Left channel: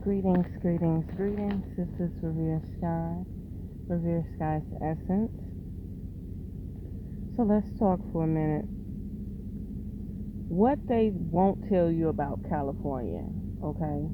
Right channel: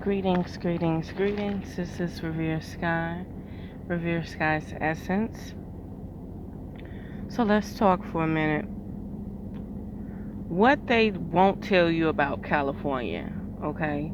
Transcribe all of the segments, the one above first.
Greetings, greetings, greetings. This is Revere Sky, Revere Sky's Essence. So let's talk for a minute. What they won't tell you about California, okay?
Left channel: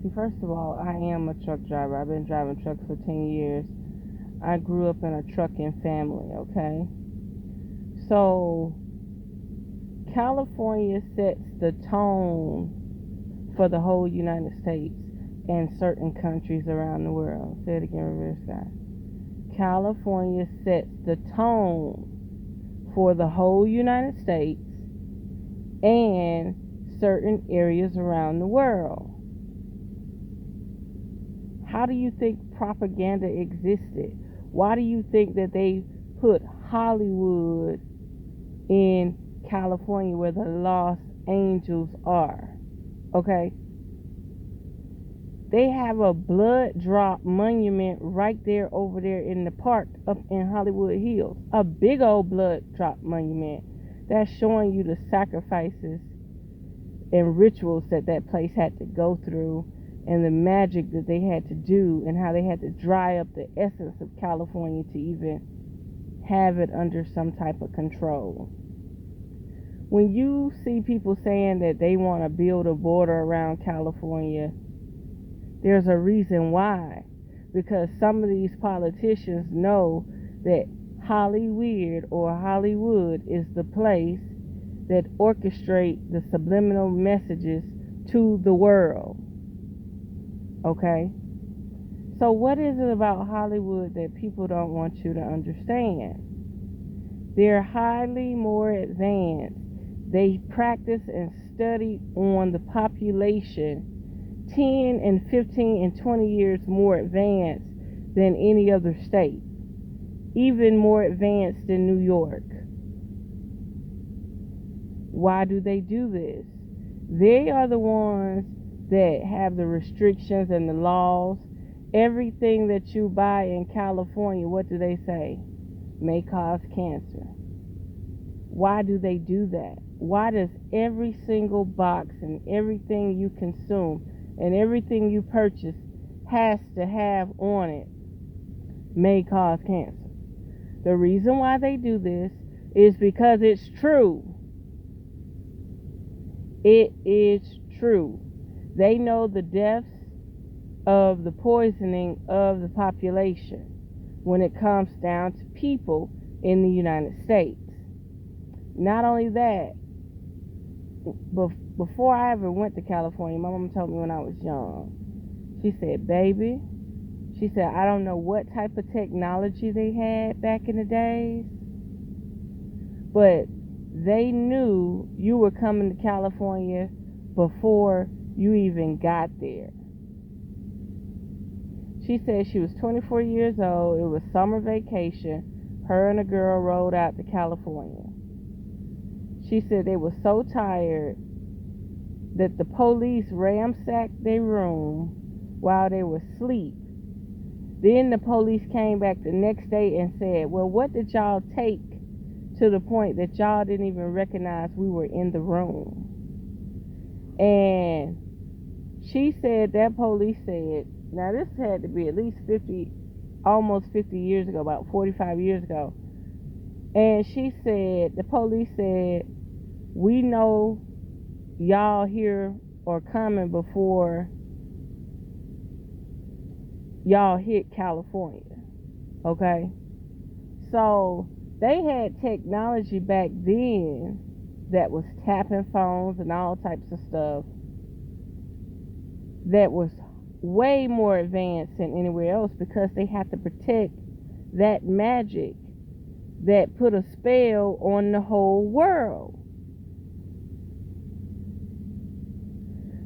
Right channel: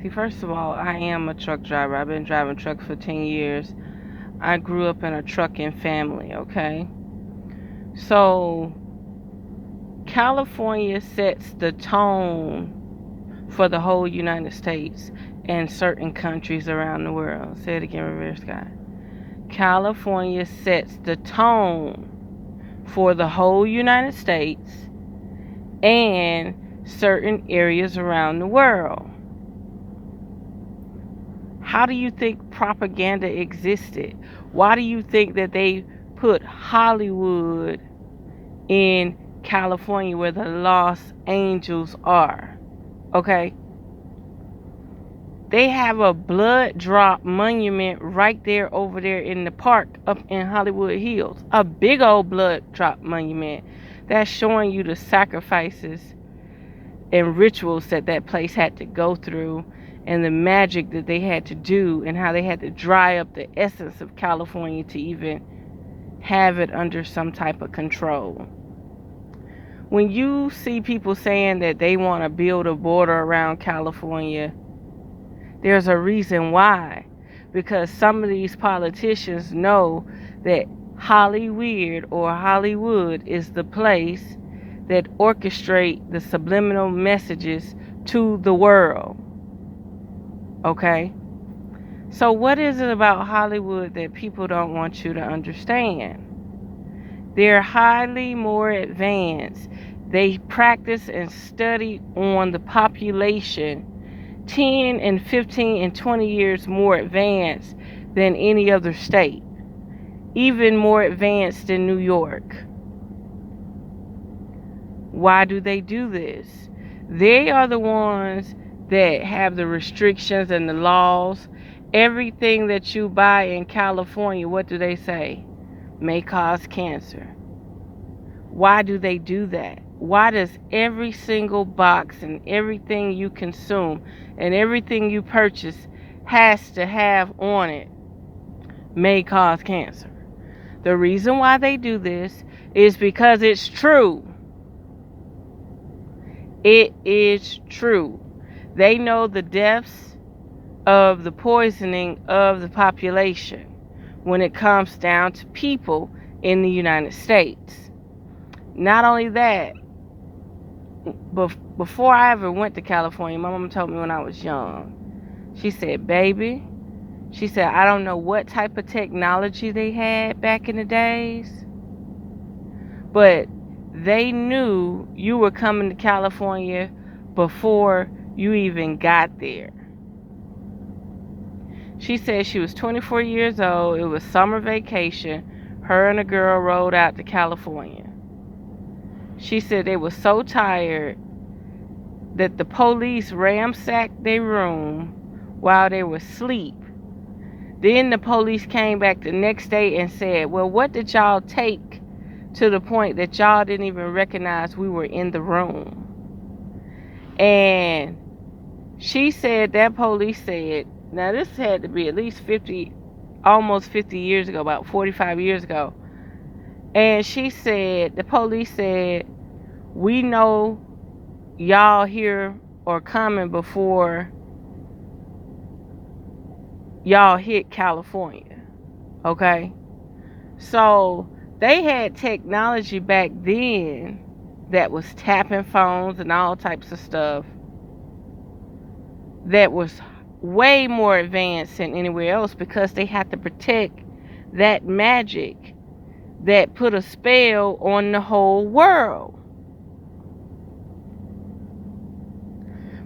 See, first of all, I am a truck driver. I've been driving trucks for 10 years. I grew up in a trucking family, okay? So, California sets the tone for the whole United States and certain countries around the world. Say it again, Revere Sky. California sets the tone for the whole United States and certain areas around the world. How do you think propaganda existed? Why do you think that they put Hollywood in California where the Los Angeles are? Okay? They have a blood drop monument right there over there in the park up in Hollywood Hills. A big old blood drop monument that's showing you the sacrifices and rituals that place had to go through and the magic that they had to do and how they had to dry up the essence of California to even have it under some type of control. When you see people saying that they want to build a border around California, there's a reason why. Because some of these politicians know that Hollywood is the place that orchestrate the subliminal messages to the world. Okay? So what is it about Hollywood that people don't want you to understand? They're highly more advanced. They practice and study on the population 10 and 15 and 20 years more advanced than any other state, even more advanced than New York. Why do they do this? They are the ones that have the restrictions and the laws. Everything that you buy in California, what do they say? May cause cancer. Why do they do that? Why does every single box and everything you consume and everything you purchase has to have on it may cause cancer? The reason why they do this is because it's true. It is true. They know the deaths of the poisoning of the population when it comes down to people in the United States. Not only that, before I ever went to California, my mom told me when I was young, she said, baby, she said, I don't know what type of technology they had back in the days, but they knew you were coming to California before you even got there. She said she was 24 years old. It was summer vacation. Her and a girl rode out to California. She said they were so tired that the police ransacked their room while they were asleep. Then the police came back the next day and said, well, what did y'all take to the point that y'all didn't even recognize we were in the room? And she said that police said, now this had to be at least almost 50 years ago, about 45 years ago. And she said, the police said, we know y'all here or coming before y'all hit California. Okay? So they had technology back then that was tapping phones and all types of stuff that was way more advanced than anywhere else because they had to protect that magic that put a spell on the whole world.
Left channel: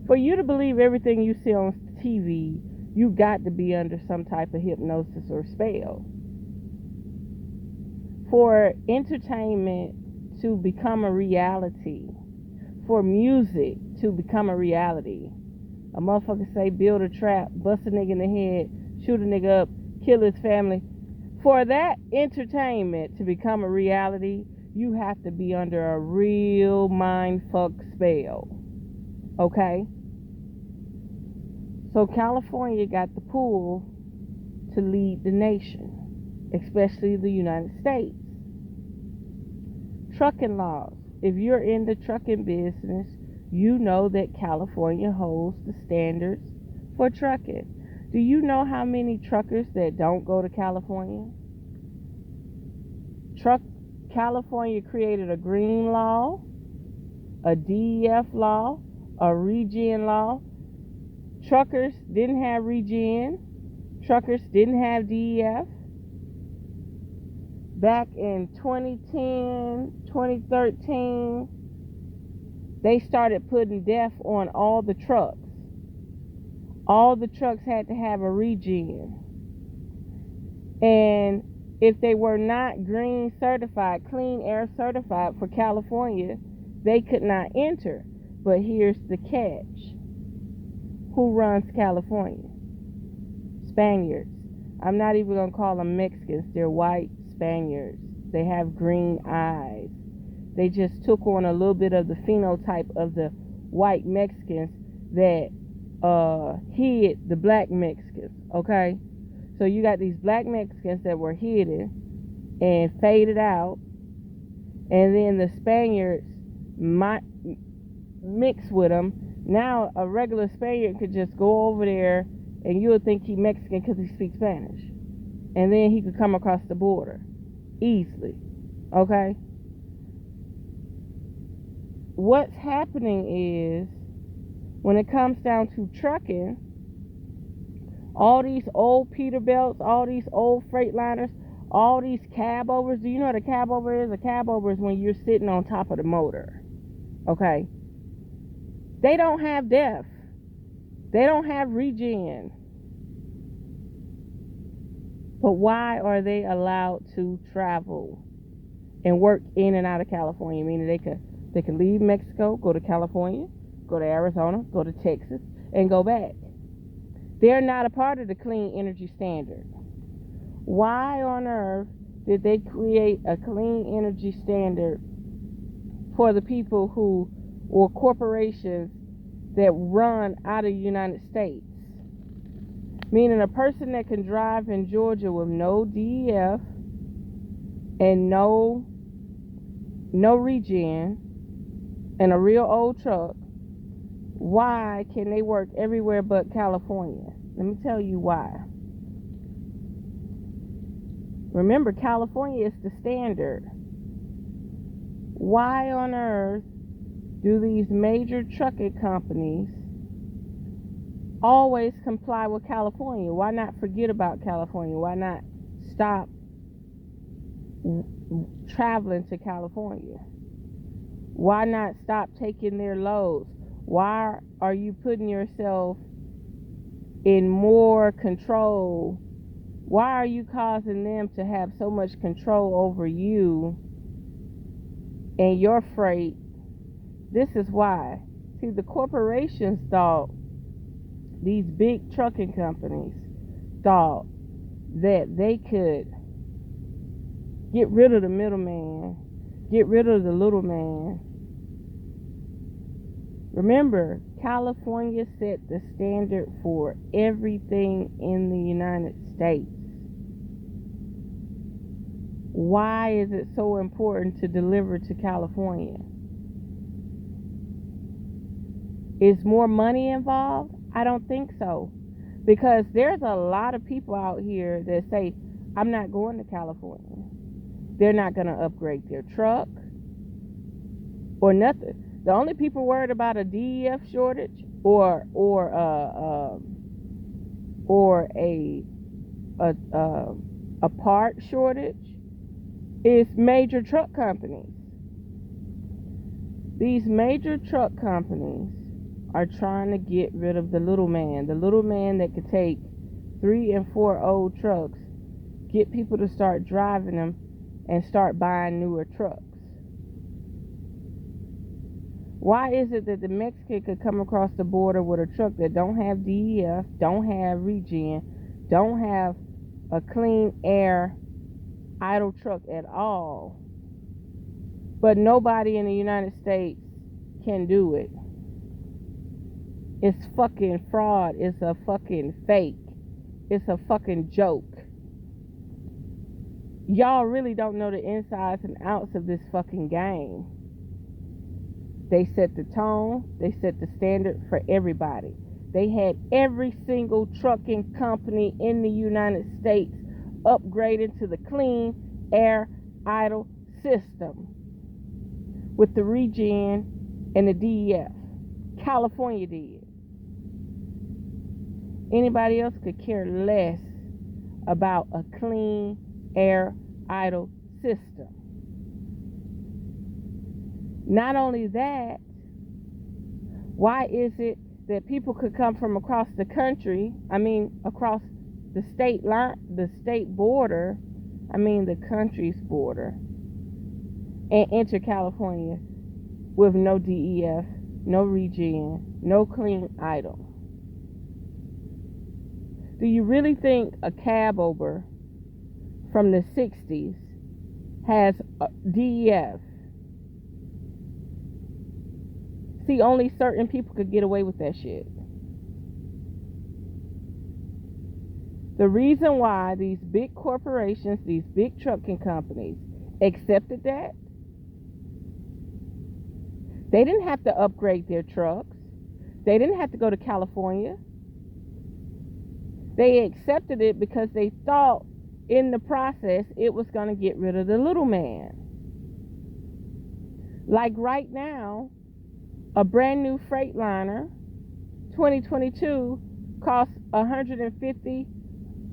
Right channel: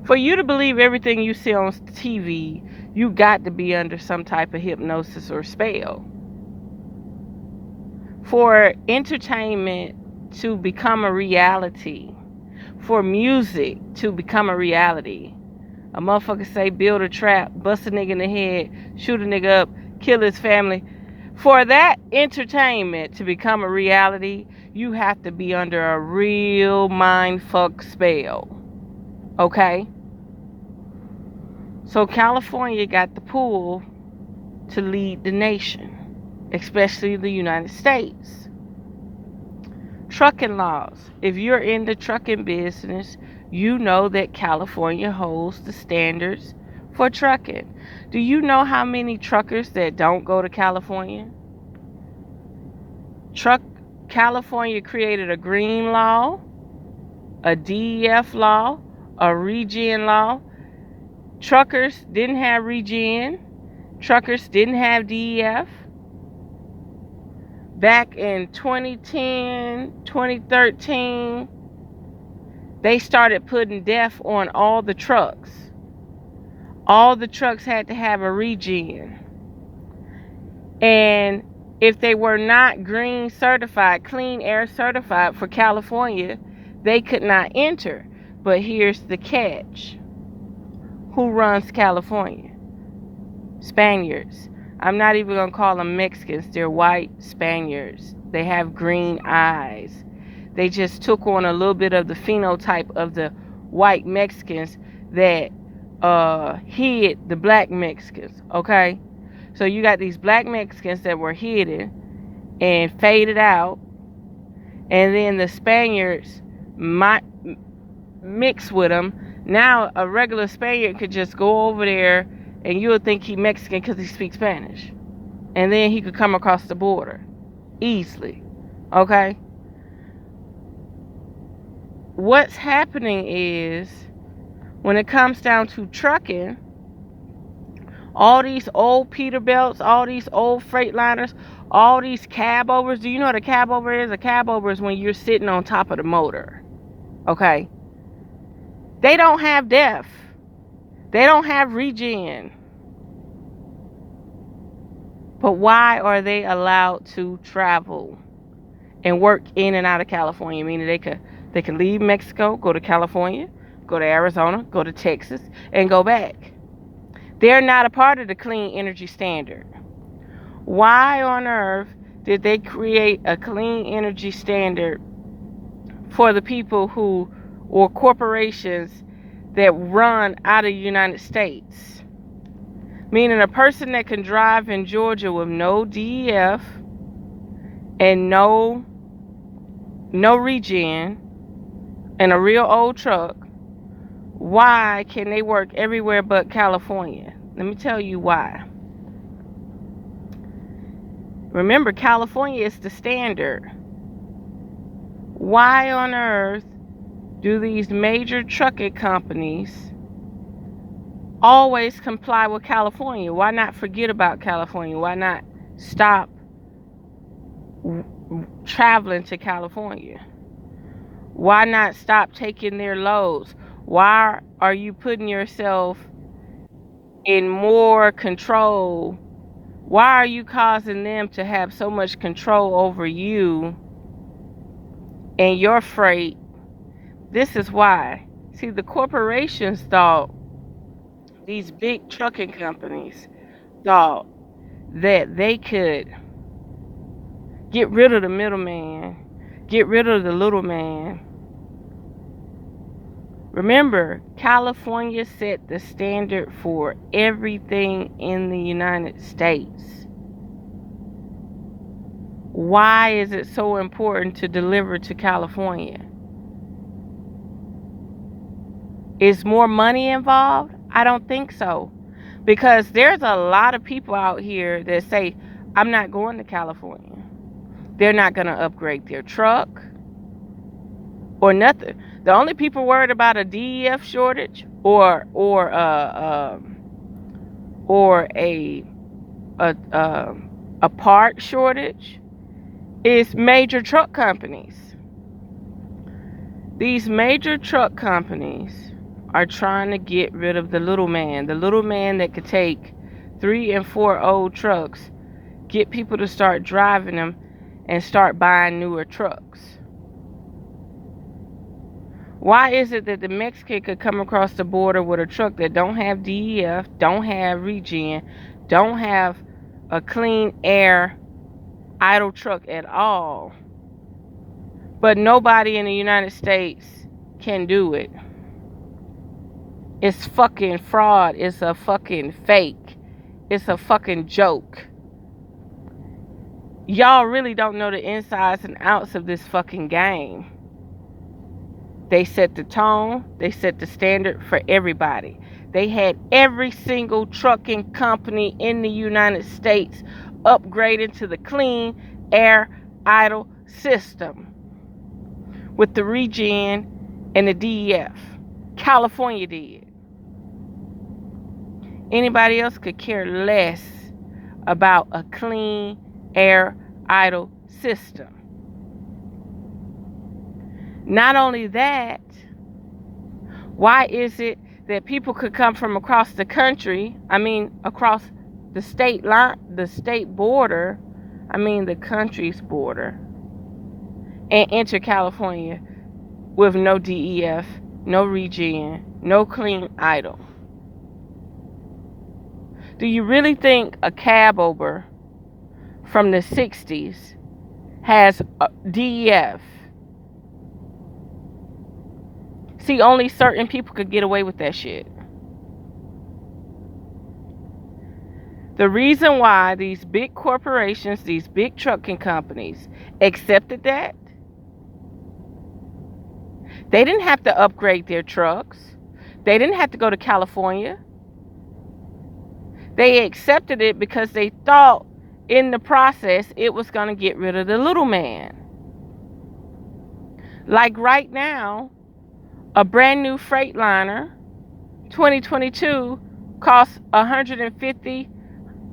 For you to believe everything you see on TV, you got to be under some type of hypnosis or spell. For entertainment to become a reality, for music to become a reality, a motherfucker say build a trap, bust a nigga in the head, shoot a nigga up, kill his family. For that entertainment to become a reality, you have to be under a real mindfuck spell. Okay? So California got the pull to lead the nation, especially the United States. Trucking laws. If you're in the trucking business, you know that California holds the standards for trucking. Do you know how many truckers that don't go to California? California created a green law, a DEF law, a regen law. Truckers didn't have regen. Truckers didn't have DEF. Back in 2010, 2013, they started putting DEF on all the trucks. All the trucks had to have a regen. And if they were not green certified, clean air certified for California, they could not enter. But here's the catch. Who runs California? Spaniards. I'm not even going to call them Mexicans. They're white Spaniards. They have green eyes. They just took on a little bit of the phenotype of the white Mexicans that hid the black Mexicans, okay? So you got these black Mexicans that were hidden and faded out, and then the Spaniards mix with them. Now a regular Spaniard could just go over there and you would think he's Mexican because he speaks Spanish. And then he could come across the border easily, okay? What's happening is, when it comes down to trucking, all these old Peterbilts, all these old Freightliners, all these cab overs. Do you know what a cab over is? A cab over is when you're sitting on top of the motor, okay? They don't have DEF. They don't have regen. But why are they allowed to travel and work in and out of California? Meaning they could leave Mexico, go to California, go to Arizona, go to Texas, and go back. They're not a part of the clean energy standard. Why on earth did they create a clean energy standard for the people who, or corporations that run out of the United States? Meaning a person that can drive in Georgia with no DEF and no regen and a real old truck, why can they work everywhere but California? Let me tell you why. Remember, California is the standard. Why on earth do these major trucking companies always comply with California? Why not forget about California? Why not stop traveling to California? Why not stop taking their loads? Why are you putting yourself in more control? Why are you causing them to have so much control over you and your freight? This is why. See, the corporations thought, these big trucking companies thought that they could get rid of the middleman, get rid of the little man. Remember, California set the standard for everything in the United States. Why is it so important to deliver to California? Is more money involved? I don't think so. Because there's a lot of people out here that say, I'm not going to California. They're not going to upgrade their truck or nothing. The only people worried about a DEF shortage or a part shortage is major truck companies. These major truck companies are trying to get rid of the little man that could take 3 and 4 old trucks, get people to start driving them and start buying newer trucks. Why is it that the Mexican could come across the border with a truck that don't have DEF, don't have regen, don't have a clean air idle truck at all, but nobody in the United States can do it? It's fucking fraud. It's a fucking fake. It's a fucking joke. Y'all really don't know the insides and outs of this fucking game. They set the tone. They set the standard for everybody. They had every single trucking company in the United States upgraded to the clean air idle system with the regen and the DEF. California did. Anybody else could care less about a clean air idle system. Not only that, why is it that people could come from across the country, across the state line, the state border, the country's border, and enter California with no DEF, no regen, no clean idle? Do you really think a cab over from the 60s has a DEF? See, only certain people could get away with that shit. The reason why these big corporations, these big trucking companies accepted that, they didn't have to upgrade their trucks. They didn't have to go to California. They accepted it because they thought in the process it was going to get rid of the little man. Like right now, a brand new Freightliner 2022 costs $150,000,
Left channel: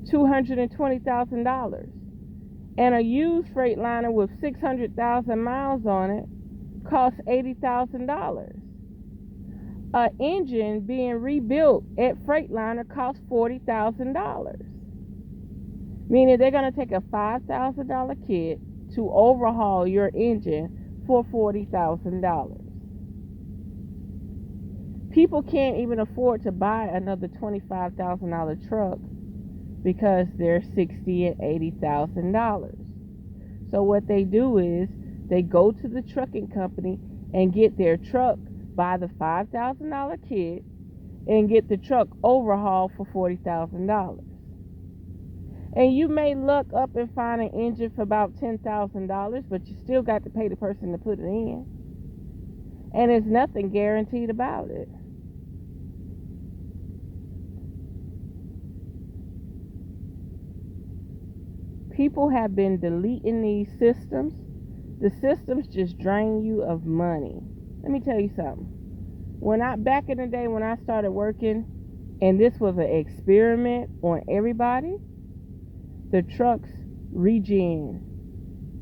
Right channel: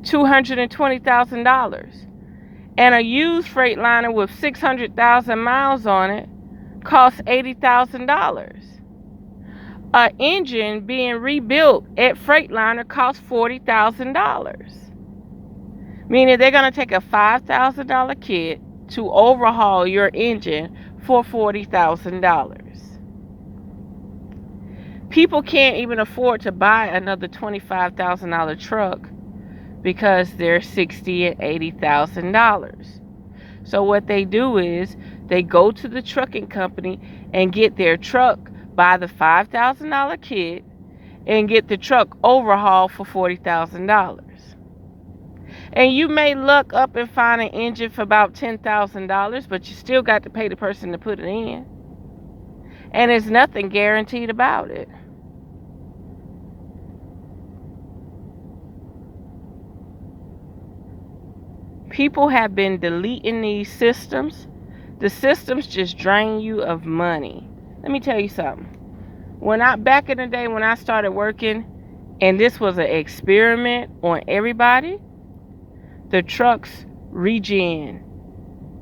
$220,000, and a used Freightliner with 600,000 miles on it costs $80,000. An engine being rebuilt at Freightliner costs $40,000, meaning they're going to take a $5,000 kit to overhaul your engine for $40,000. People can't even afford to buy another $25,000 truck because they're $60,000 and $80,000. So what they do is they go to the trucking company and get their truck, buy the $5,000 kit, and get the truck overhauled for $40,000. And you may look up and find an engine for about $10,000, but you still got to pay the person to put it in. And there's nothing guaranteed about it. People have been deleting these systems. The systems just drain you of money. Let me tell you something. Back in the day when I started working, and this was an experiment on everybody, the trucks regen,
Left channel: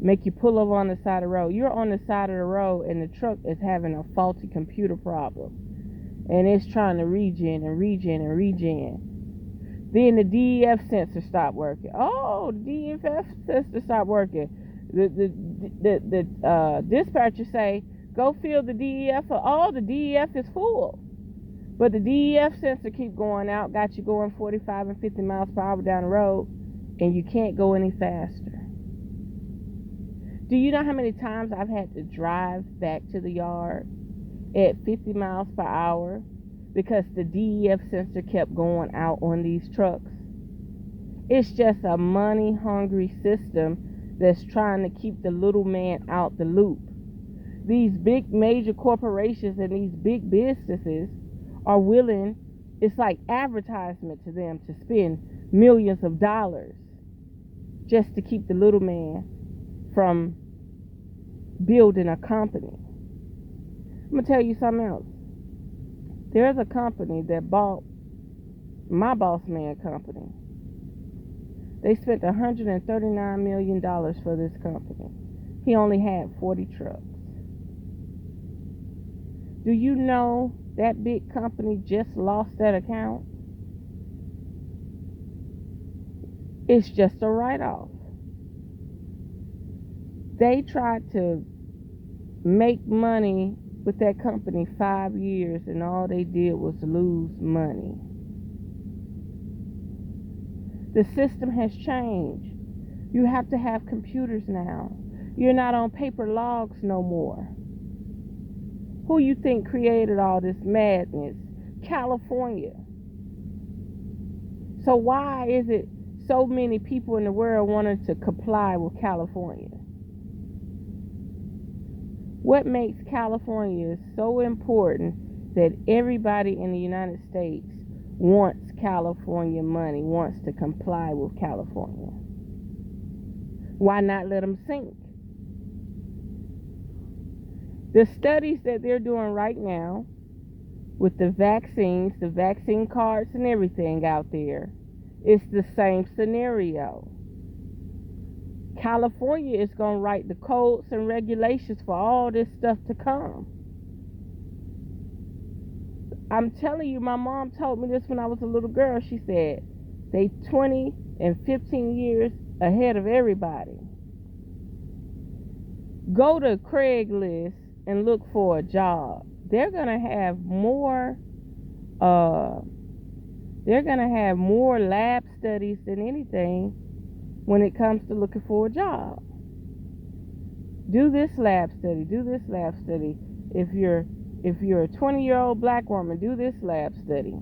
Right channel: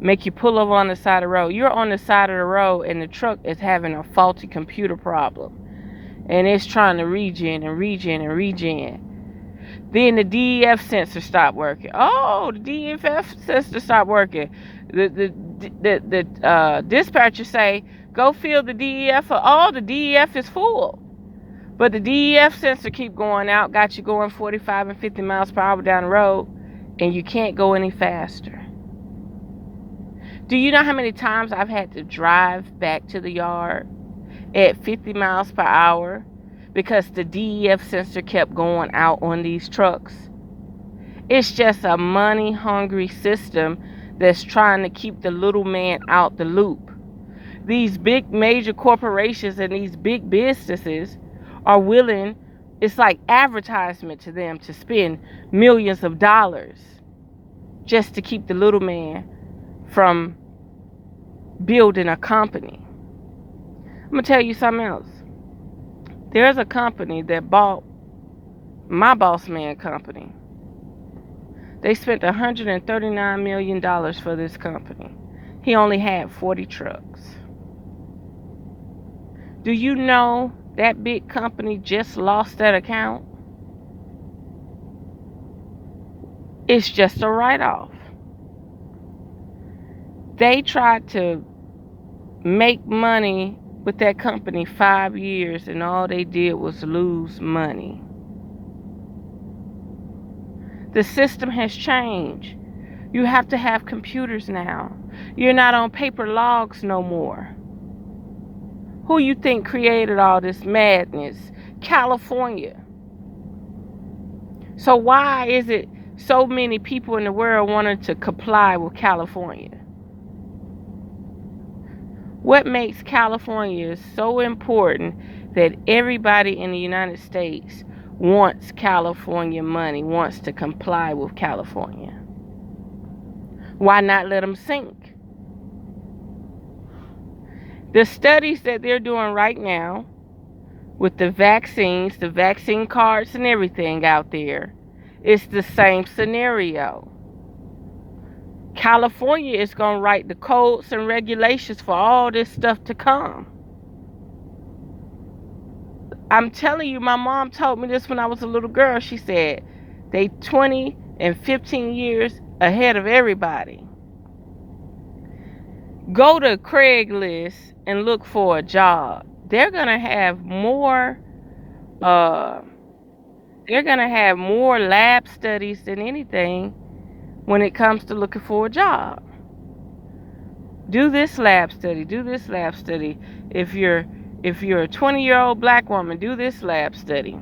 make you pull over on the side of the road. You're on the side of the road and the truck is having a faulty computer problem, and it's trying to regen and regen and regen. Then the DEF sensor stopped working. Oh, the DEF sensor stopped working. The dispatcher say, go fill the DEF. Oh, the DEF is full. But the DEF sensor keep going out, got you going 45 and 50 miles per hour down the road, and you can't go any faster. Do you know how many times I've had to drive back to the yard at 50 miles per hour because the DEF sensor kept going out on these trucks? It's just a money-hungry system that's trying to keep the little man out the loop. These big major corporations and these big businesses are willing, it's like advertisement to them, to spend millions of dollars just to keep the little man from building a company. I'm going to tell you something else. There's a company that bought my boss man company. They spent $139 million for this company. He only had 40 trucks. Do you know that big company just lost that account? It's just a write-off. They tried to make money with that company 5 years, and all they did was lose money. The system has changed. You have to have computers now. You're not on paper logs no more. Who you think created all this madness California. So why is it so many people in the world wanting to comply with California? What makes California so important that everybody in the United States wants California money, wants to comply with California? Why not let them sink? The studies that they're doing right now with the vaccines, the vaccine cards and everything out there, it's the same scenario. California is going to write the codes and regulations for all this stuff to come. I'm telling you, my mom told me this when I was a little girl. She said they 20 and 15 years ahead of everybody. Go to Craigslist and look for a job. They're going to have more lab studies than anything when it comes to looking for a job. Do this lab study, do this lab study. If you're a 20-year-old black woman, do this lab study.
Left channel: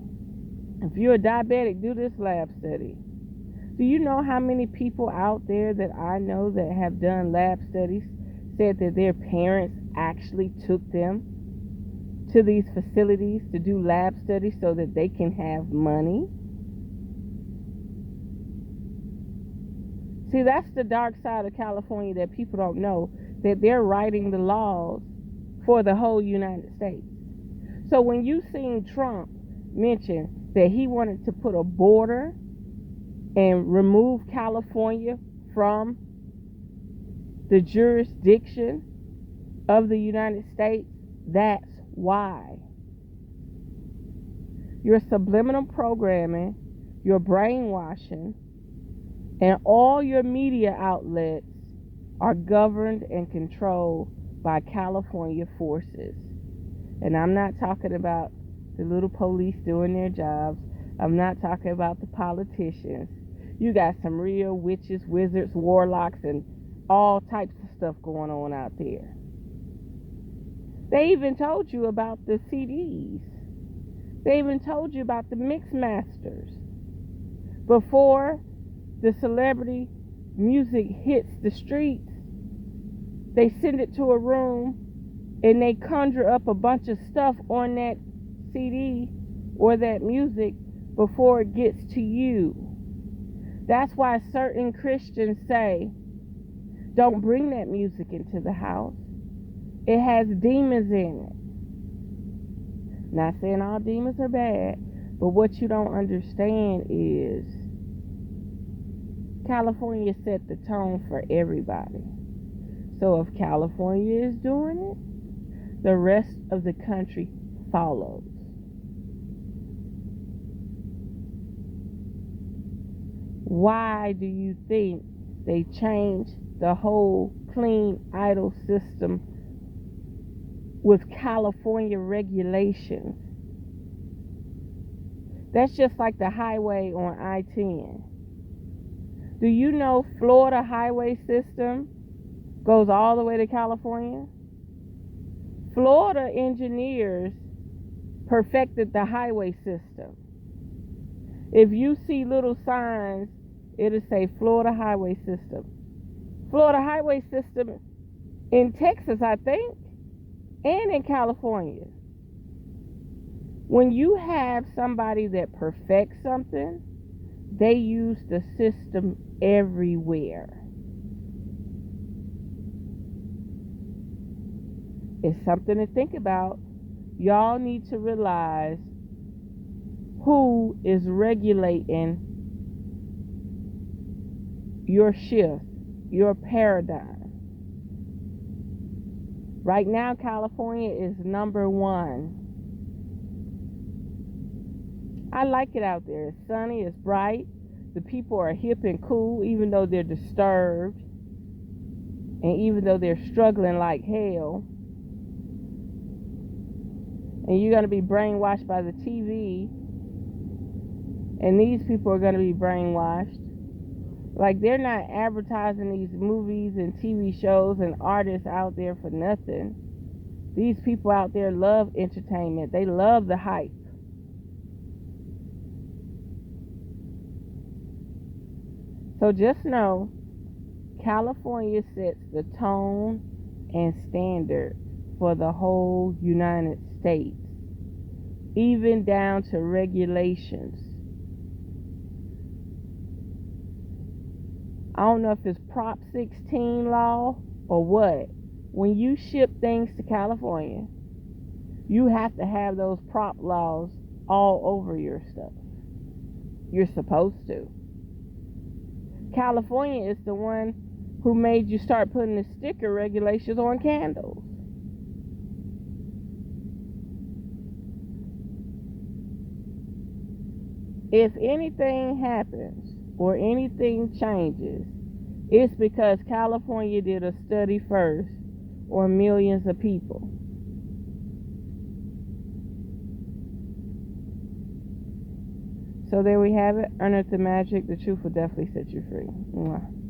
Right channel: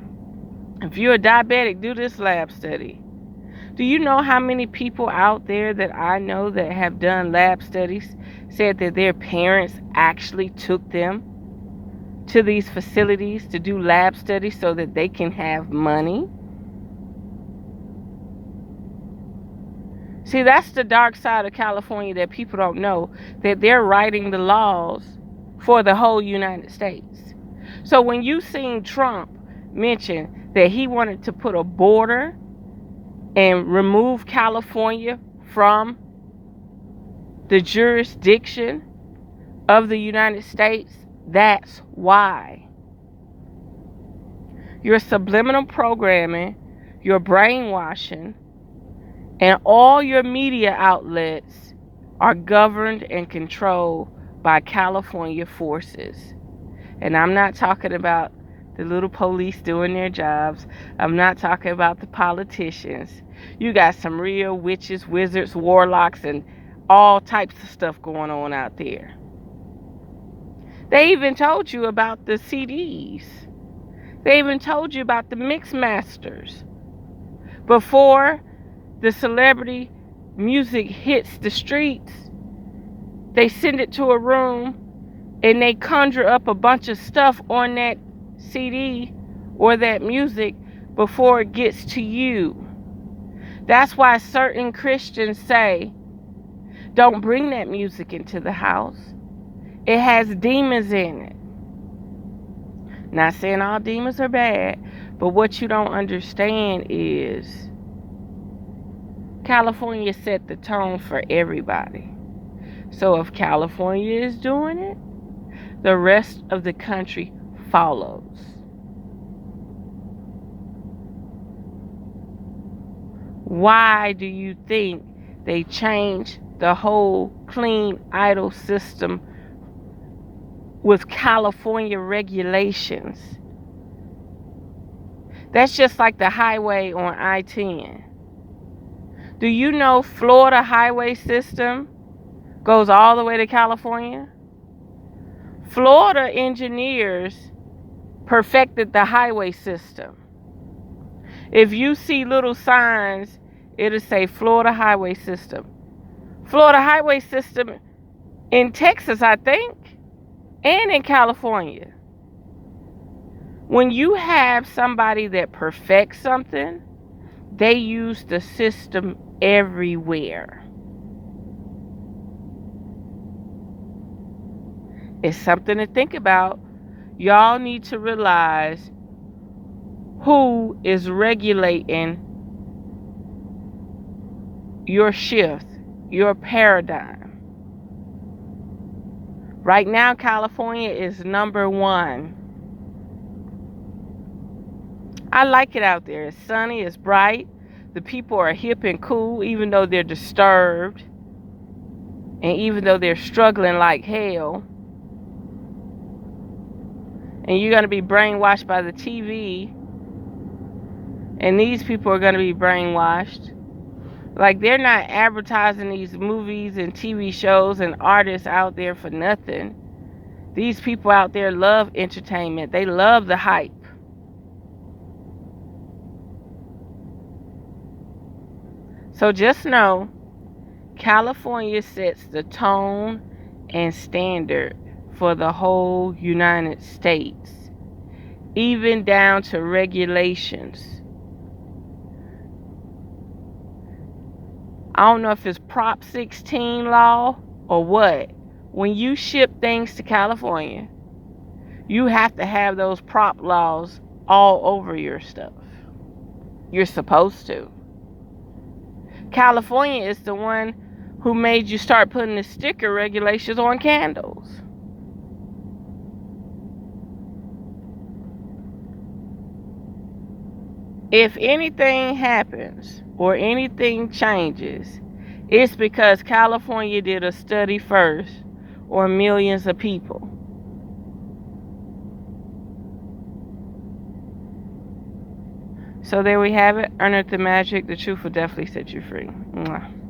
If you're a diabetic, do this lab study. Do you know how many people out there that I know that have done lab studies said that their parents actually took them to these facilities to do lab studies so that they can have money? See, that's the dark side of California that people don't know, that they're writing the laws for the whole United States. So when you seen Trump mention that he wanted to put a border and remove California from the jurisdiction of the United States, that's why. Your subliminal programming, your brainwashing, and all your media outlets are governed and controlled by California forces. And I'm not talking about the little police doing their jobs. I'm not talking about the politicians. You got some real witches, wizards, warlocks, and all types of stuff going on out there. They even told you about the CDs. They even told you about the mix masters. Before the celebrity music hits the streets, they send it to a room and they conjure up a bunch of stuff on that CD or that music before it gets to you. That's why certain Christians say, don't bring that music into the house. It has demons in it. Not saying all demons are bad, but what you don't understand is California set the tone for everybody. So if California is doing it, the rest of the country follows. Why do you think they changed the whole clean idol system with California regulations? That's just like the highway on I-10. Do you know Florida highway system goes all the way to California? Florida engineers perfected the highway system. If you see little signs, it'll say Florida highway system. Florida highway system in Texas, I think, and in California. When you have somebody that perfects something, they use the system everywhere. It's something to think about. Y'all need to realize who is regulating your shift, your paradigm. Right now, California is number one. I like it out there. It's sunny, it's bright. The people are hip and cool, even though they're disturbed. And even though they're struggling like hell. And you're going to be brainwashed by the TV. And these people are going to be brainwashed. Like, they're not advertising these movies and TV shows and artists out there for nothing. These people out there love entertainment. They love the hype. So just know, California sets the tone and standard for the whole United States, even down to regulations. I don't know if it's Prop 16 law or what. When you ship things to California, you have to have those prop laws all over your stuff. You're supposed to. California is the one who made you start putting the sticker regulations on candles. If anything happens or anything changes, it's because California did a study first on millions of people. So there we have it. Unearth the magic. The truth will definitely set you free. Mwah.